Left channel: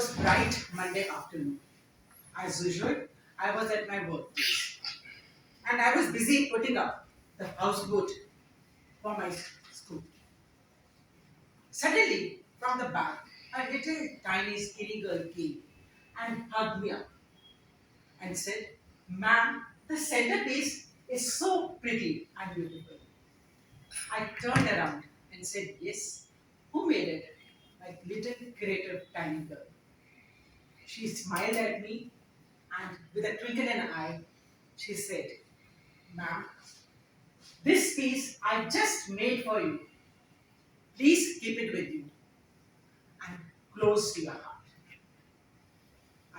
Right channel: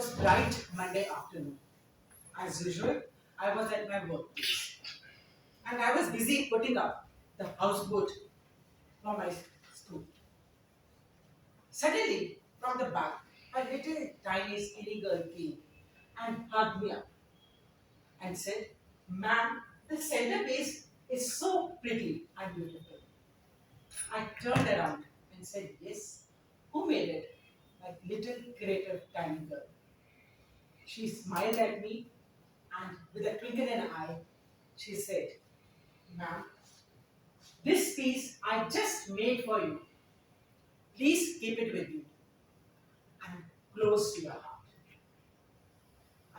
was bright Monday afternoon. As usual, I was at my workplace and I was busy putting up the houseboat for my school. Suddenly, from the back, a little tiny skinny girl came and hugged me up and said, "Ma'am, the centerpiece is so pretty and beautiful." I turned around and said, "Yes, who made it?" Like little creative tiny girl. She smiled at me and with a twinkle in her eye, she said, "Ma'am, this piece I just made for you. Please keep it with you and close to your heart."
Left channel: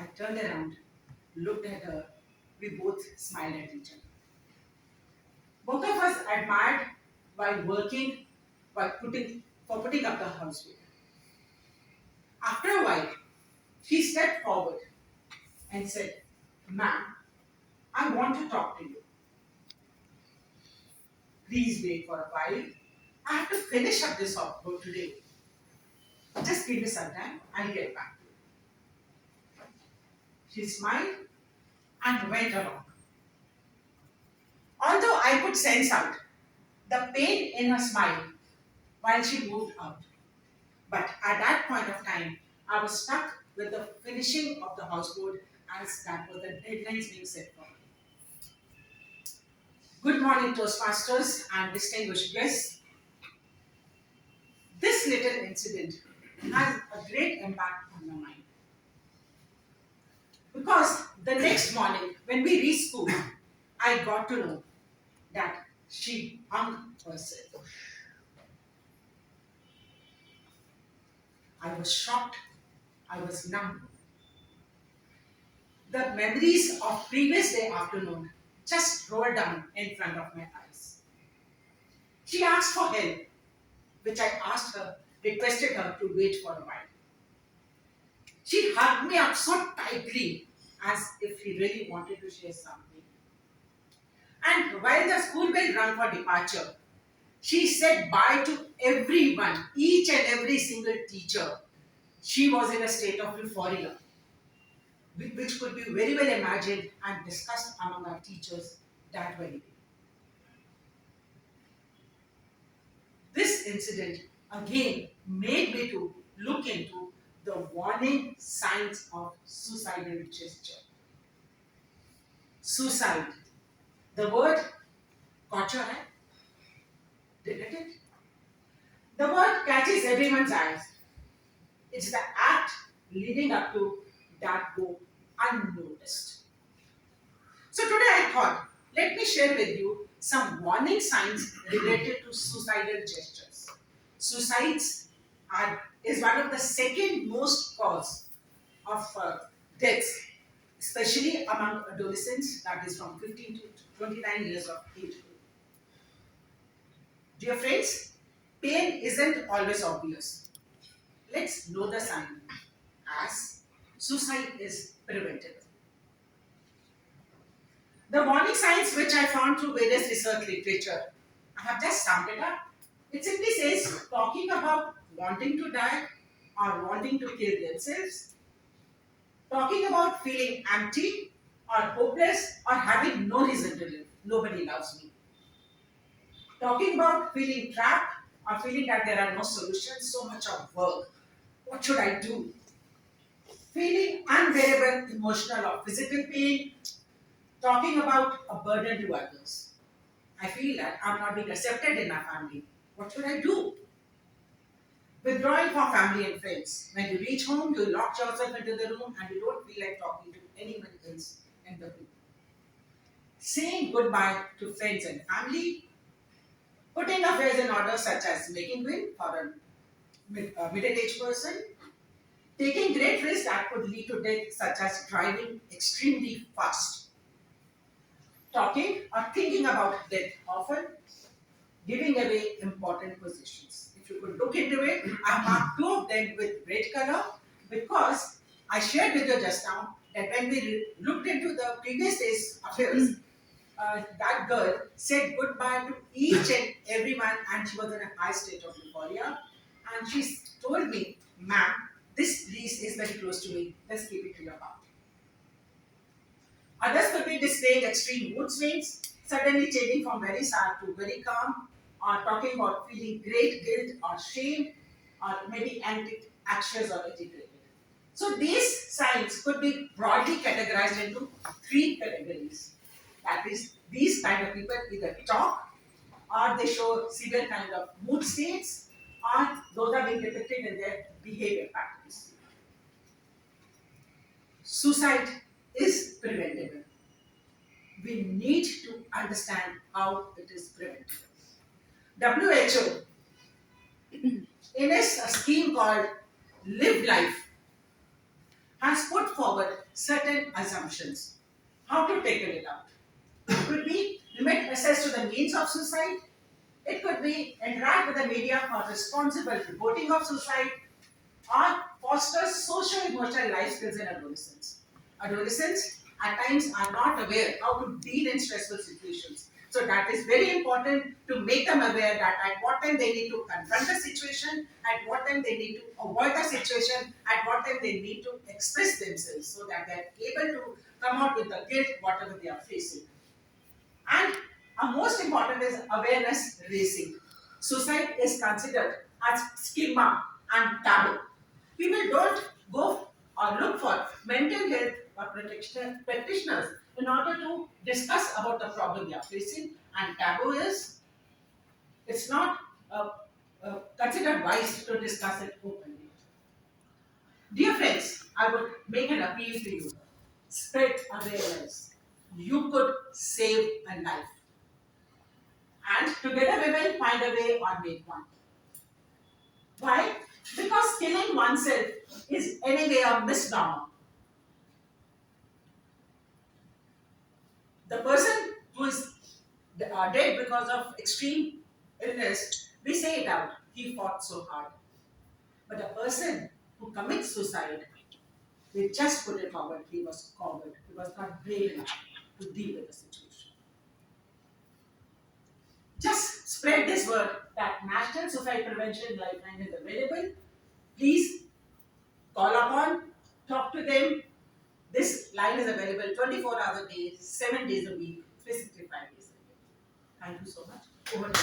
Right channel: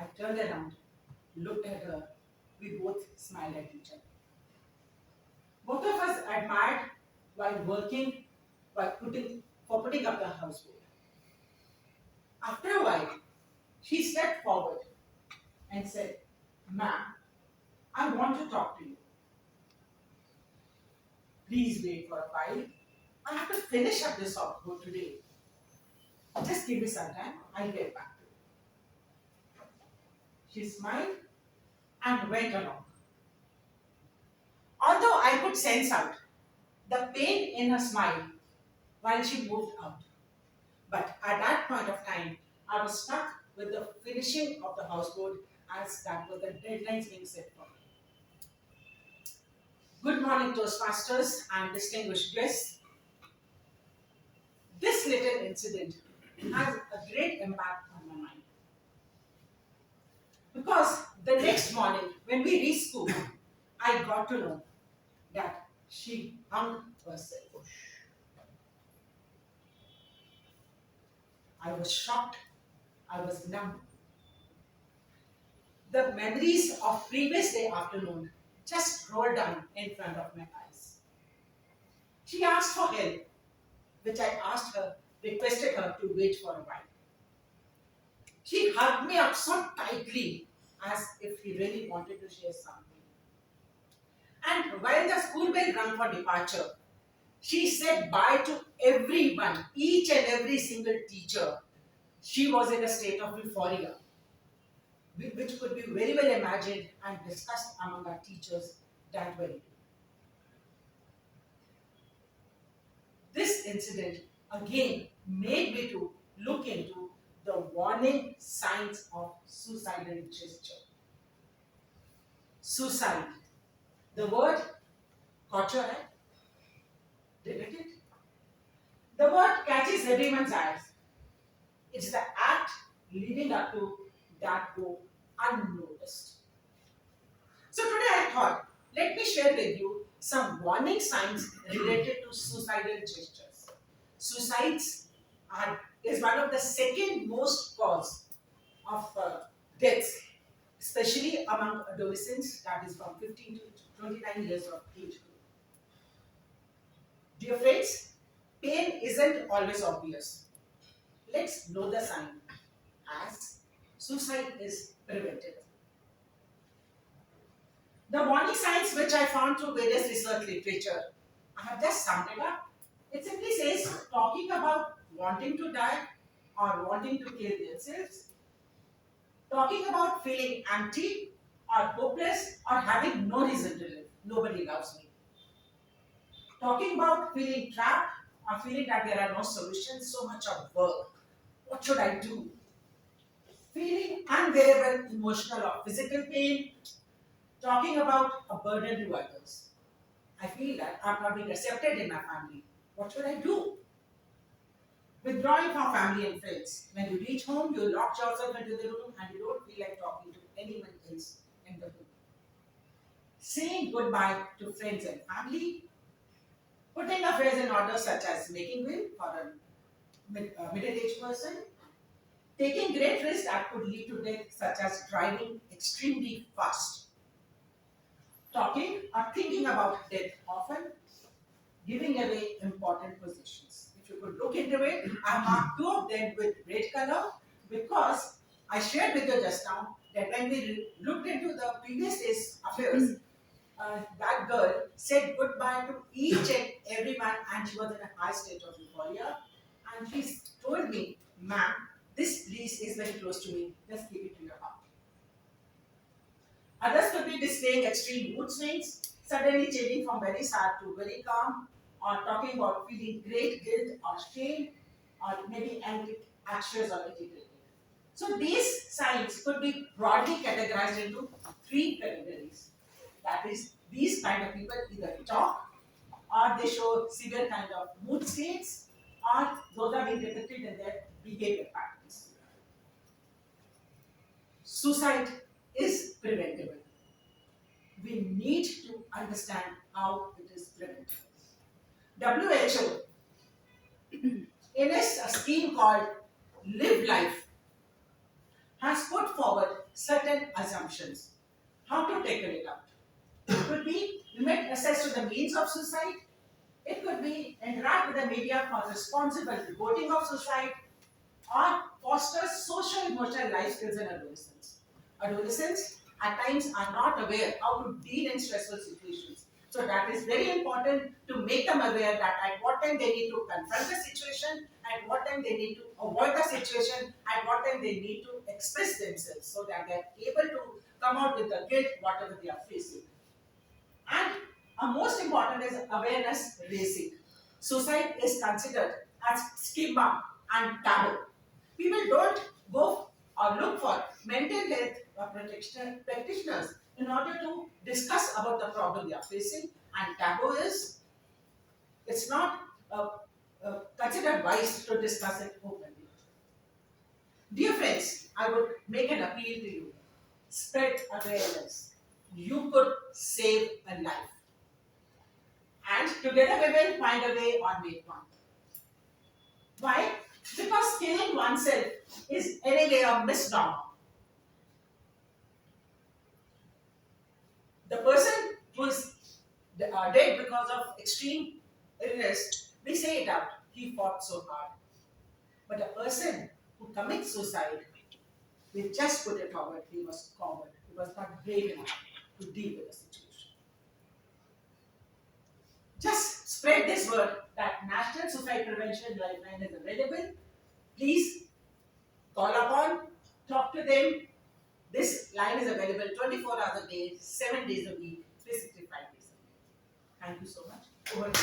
I turned around, looked at her. We both smiled at each other. Both of us admired while working, while putting up the houseboat. After a while, she stepped forward and said, "Ma'am, I want to talk to you. Please wait for a while. I have to finish up this houseboat today. Just give me some time, I'll get back to you." She smiled and went along. Although I could sense out the pain in her smile while she moved out. But at that point of time, I was stuck with the finishing of the houseboat as that was the deadlines being set for me. Good morning, Toastmasters and distinguished guests. This little incident has a great impact on my mind. Because the next morning, when we reached school, I got to know that she hung herself. I was shocked. I was numb. The memories of previous day afternoon just rolled down in front of my eyes. She asked for help, which I asked her, requested her to wait for a while. She hugged me up so tightly as if she really wanted to share something. And while the school bell rang for departure, she said bye to everyone, each and every single teacher. She was in a state of euphoria, which could be very well imagined and discussed among our teachers that very day. This incident again made me to look into the warning signs of suicidal gesture. Suicide. The word caught your eye? Didn't it? The word catches everyone's eyes. It's the act leading up to that go unnoticed. So today I thought, let me share with you some warning signs related to suicidal gestures. Suicides is one of the second most cause of deaths, especially among adolescents, that is from 15 to 29 years of age group. Dear friends, pain isn't always obvious. Let's know the sign as suicide is preventable. The warning signs which I found through various research literature, I have just summed it up. It simply says talking about wanting to die or wanting to kill themselves, talking about feeling empty or hopeless or having no reason to live. Nobody loves me. Talking about feeling trapped or feeling that there are no solutions, so much of work. What should I do? Feeling unbearable emotional or physical pain, talking about a burden to others. I feel that I'm not being accepted in my family. What should I do? Withdrawing from family and friends. When you reach home, you lock yourself into the room and you don't feel like talking to anyone else in the room. Saying goodbye to friends and family. Putting affairs in order, such as making will for a middle-aged person. Taking great risks that could lead to death, such as driving extremely fast. Talking or thinking about death often. Giving away important positions. If you could look into it, I marked two of them with red color because I shared with you just now that when we looked into the previous day's affairs, that girl said goodbye to each and everyone and she was in a high state of euphoria. And she told me, "Ma'am, this please is very close to me. Let's keep it to your heart. Others could be displaying extreme mood swings, suddenly changing from very sad to very calm, or talking about feeling great guilt or shame, or maybe anxious or agitated. So these signs could be broadly categorized into three categories. That is, these kind of people either talk, or they show severe kind of mood states, or those are being depicted in their behavior patterns. Suicide is preventable. We need to understand how it is preventable. WHO, in a scheme called Live Life, has put forward certain assumptions. How to tackle it out? It could be limit access to the means of suicide. It could be interact with the media for responsible reporting of suicide, or foster social emotional life skills in adolescents. Adolescents at times are not aware how to deal in stressful situations. So that is very important to make them aware that at what time they need to confront the situation, at what time they need to avoid the situation, at what time they need to express themselves so that they're able to come out with the guilt, whatever they are facing. And most important is awareness raising. Suicide is considered as stigma and taboo. People don't go or look for mental health practitioners in order to discuss about the problem they are facing. And taboo is, it's not considered wise to discuss it openly. Dear friends, I would make an appeal to you. Spread awareness. You could save a life. And together we will find a way or make one. Why? Because killing oneself is anyway a misnomer. The person who is dead because of extreme illness, we say it out. He fought so hard. But a person who commits suicide, they just put it forward. He was coward. He was not brave enough to deal with the situation. Just spread this word that National Suicide Prevention Lifeline is available. Please call upon, talk to them. This line is available 24 hours a day, 7 days a week, 365 days a year. Thank you so much. Over to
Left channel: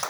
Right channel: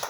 you.